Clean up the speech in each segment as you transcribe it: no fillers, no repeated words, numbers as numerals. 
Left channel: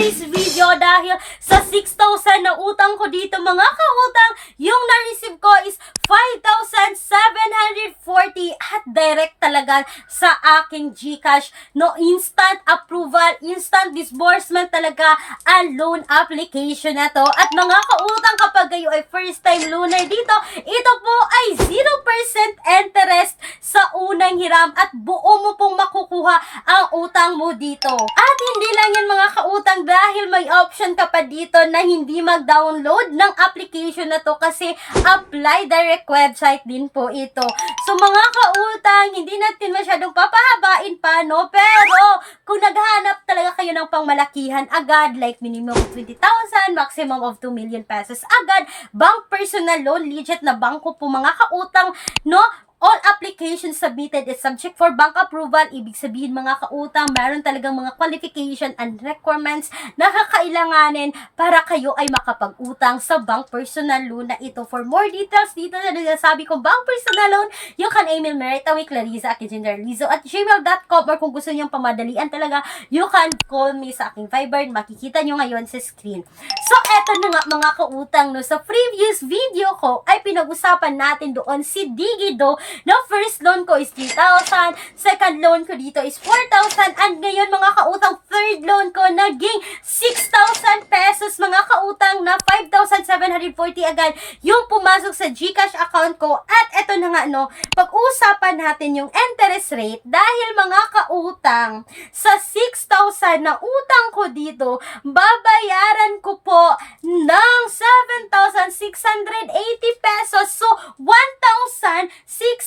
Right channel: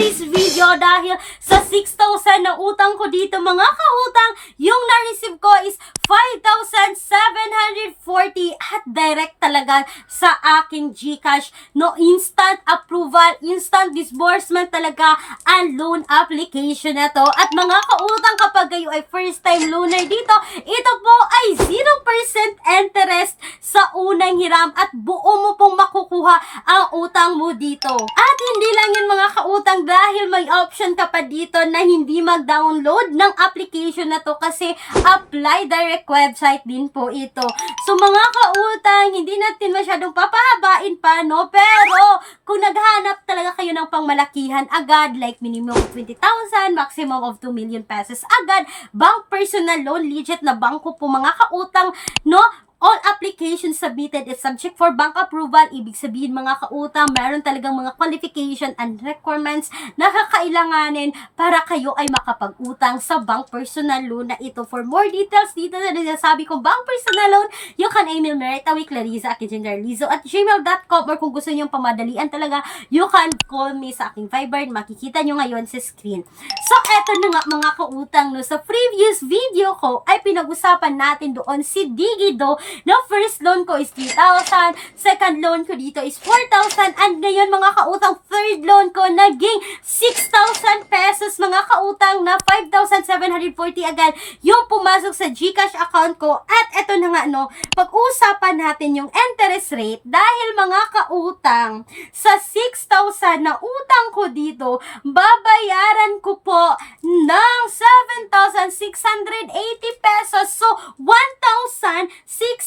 today's video dahil sa 6,000 na utang ko dito mga kautang, yung na-receive ko is 5,740 at direct talaga sa aking GCash. No, instant approval, instant disbursement talaga ang loan application na to. At mga kautang, kapag kayo ay first time loaner dito, ito po ay 0% interest sa unang hiram at buo mo pong makukuha ang utang mo dito. At hindi lang yan mga kautang, dahil may option ka pa dito na hindi mag-download ng application na to kasi apply direct website din po ito. So mga kautang, hindi natin masyadong papahabain pa, no? Pero kung naghanap talaga kayo ng pangmalakihan agad, like minimum of 20,000, maximum of 2 million pesos agad, bank personal loan, legit na bangko po mga kautang, no? All applications submitted is subject for bank approval. Ibig sabihin mga kautang, meron talagang mga qualification and requirements na kakailanganin para kayo ay makapag-utang sa bank personal loan na ito. For more details dito na sinasabi kong bank personal loan, you can email me right away, clarissa@gmail.com, or kung gusto niyong pamadalian talaga, you can call me sa aking Viber. Makikita nyo ngayon sa screen. So, eto na nga mga kautang, no? Sa previous video ko ay pinag-usapan natin doon si Digido na first loan ko is 3,000, second loan ko dito is 4,000, and ngayon mga kautang, third loan ko naging 6,000 pesos mga kautang, na 5,740 agad yung pumasok sa GCash account ko. At eto na nga, no, pag-uusapan natin yung interest rate dahil mga kautang, sa 6,000 na utang ko dito, babayaran ko po ng 7,680 pesos. So, 1,680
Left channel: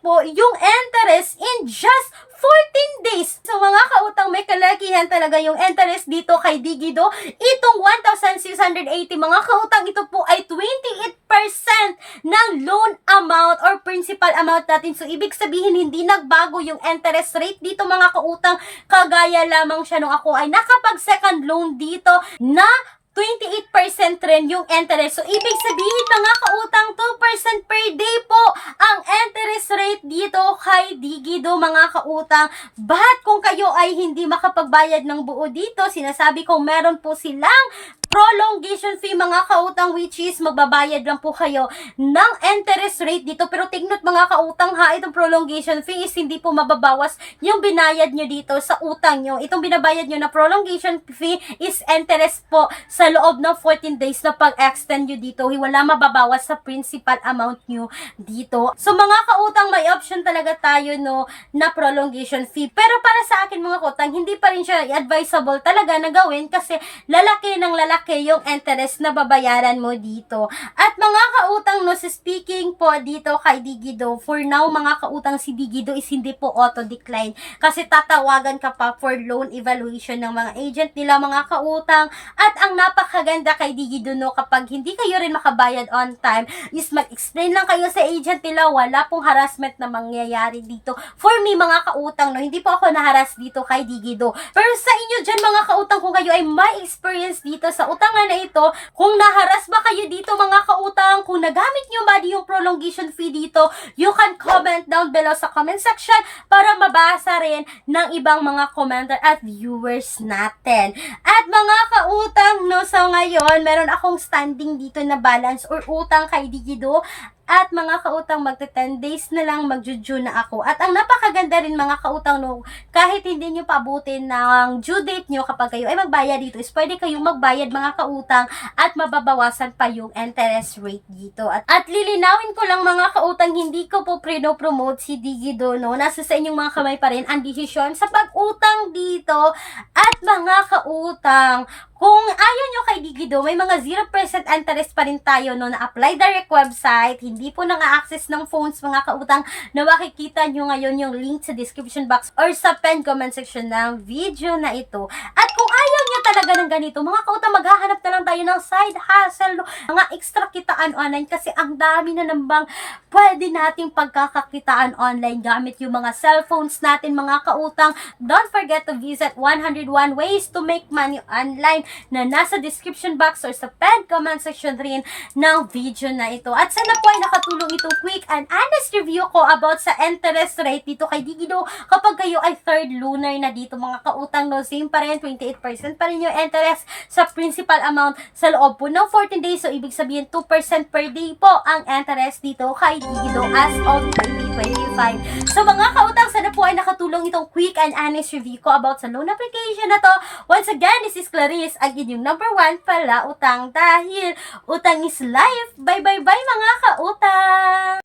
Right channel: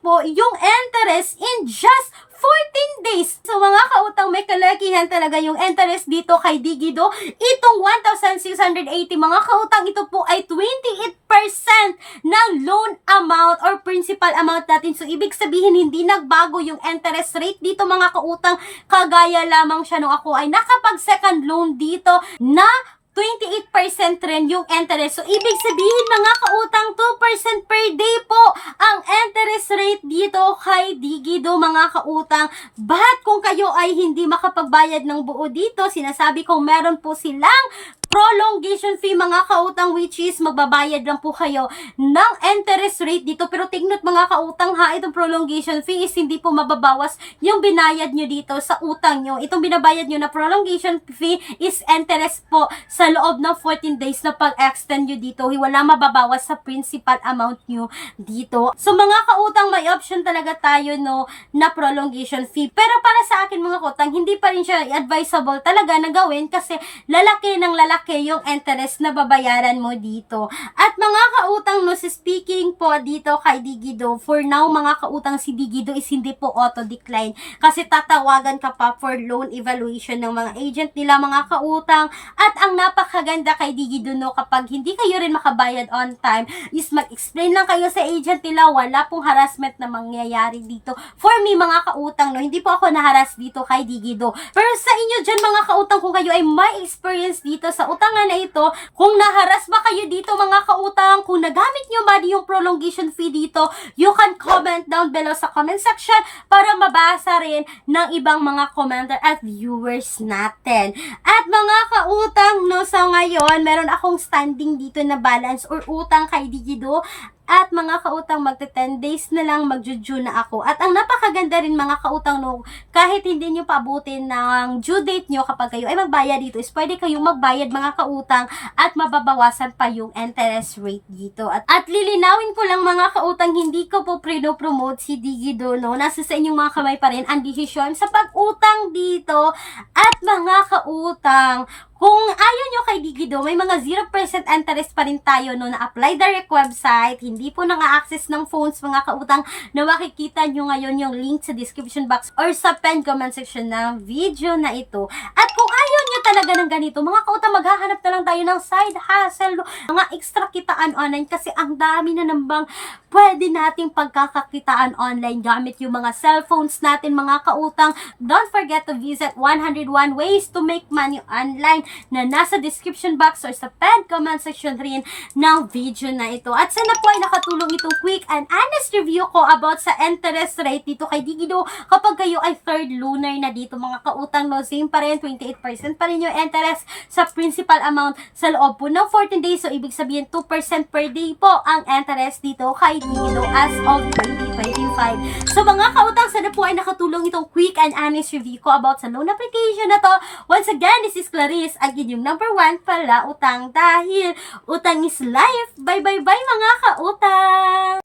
po yung interest in just 14 days. So mga kautang, may kalakihan talaga yung interest dito kay Digido. Itong 1,680 mga kautang, ito po ay 28% ng loan amount or principal amount natin. So ibig sabihin, hindi nagbago yung interest rate dito mga kautang. Kagaya lamang siya nung ako ay nakapag second loan dito na 28% rin yung interest. So, ibig sabihin mga kautang, 2% per day po ang interest rate dito kay Digido mga kautang. But kung kayo ay hindi makapagbayad ng buo dito, sinasabi kong meron po silang prolongation fee mga kautang, which is magbabayad lang po kayo ng interest rate dito. Pero tignan mga kautang ha, itong prolongation fee is hindi po mababawas yung binayad nyo dito sa utang nyo. Itong binabayad nyo na prolongation fee is interest po sa loob ng 14 days na pag-extend nyo dito. Wala mababawas sa principal amount nyo dito. So mga kautang, may option talaga tayo, no, na prolongation fee. Pero para sa akin mga kautang, hindi pa rin siya advisable talaga na gawin kasi lalaki ng lalaki yung interest na babayaran mo dito. At mga kautang, no, speaking po dito kay Digido, for now mga kautang, si Digido is hindi po auto-decline kasi tatawagan ka pa for loan evaluation ng mga agent nila mga kautang. At ang napakaganda kay Digido, no, kapag hindi kayo rin makabayad on time, is mag-explain lang kayo sa agent nila, wala pong harassment na mangyayari dito. For me mga kautang, no, hindi po ako naharas dito kay Digido. Pero sa inyo dyan mga kautang, kung kayo ay may experience dito sa utangan na ito, kung naharas ba kayo dito mga kautang, kung nagamit nyo ba yung prolongation fee dito, you can comment down below sa comment section para mabasa rin ng ibang mga commenter at viewers natin. At mga kautang, no, so ngayon, meron akong standing dito na balance or utang kay Digido. At mga kautang, magte 10 days na lang magju-due na ako. At ang napakaganda rin mga kautang, no, kahit hindi nyo paabutin ng due date nyo kapag kayo ay magbayad dito, is pwede kayong magbayad mga kautang at mababawasan pa yung interest rate dito. At lilinawin ko lang mga kautang, hindi ko po promote si Digido, no. Nasa sa inyong mga kamay pa rin ang desisyon sa pag-utang dito. At mga kautang, kung ayaw nyo kay Digido, may mga 0% interest pa rin tayo, no, na apply direct website. Hindi po nang-access ng phones mga kautang, na makikita nyo ngayon yung link sa description box or sa pinned comment section ng video na ito. At kung ayaw nyo talaga ng ganito, mga kautang, maghahanap na lang tayo ng side hustle, mga extra kitaan online kasi ang dami na nambang pwede nating pagkakakitaan online gamit yung mga cellphones natin mga kautang. Don't forget to visit 101 ways to make money online. na nasa description box or sa pinned comment section rin ng video na ito. At sana po ay nakatulong itong quick and honest review ko about sa interest rate dito kay Digido kapag kayo ay third lunar na dito mga kautang, no, same pa rin, 28% pa rin yung interest sa principal amount sa loob po ng 14 days. So, ibig sabihin 2% per day po ang interest dito kay Digido as of 2025. So, mga kautang, sana po ay nakatulong itong quick and honest review ko about sa loan application na to. Once again, this is Clarice, ang inyong number 1 pala utang dahil utang is life. Bye, bye, bye mga kautang!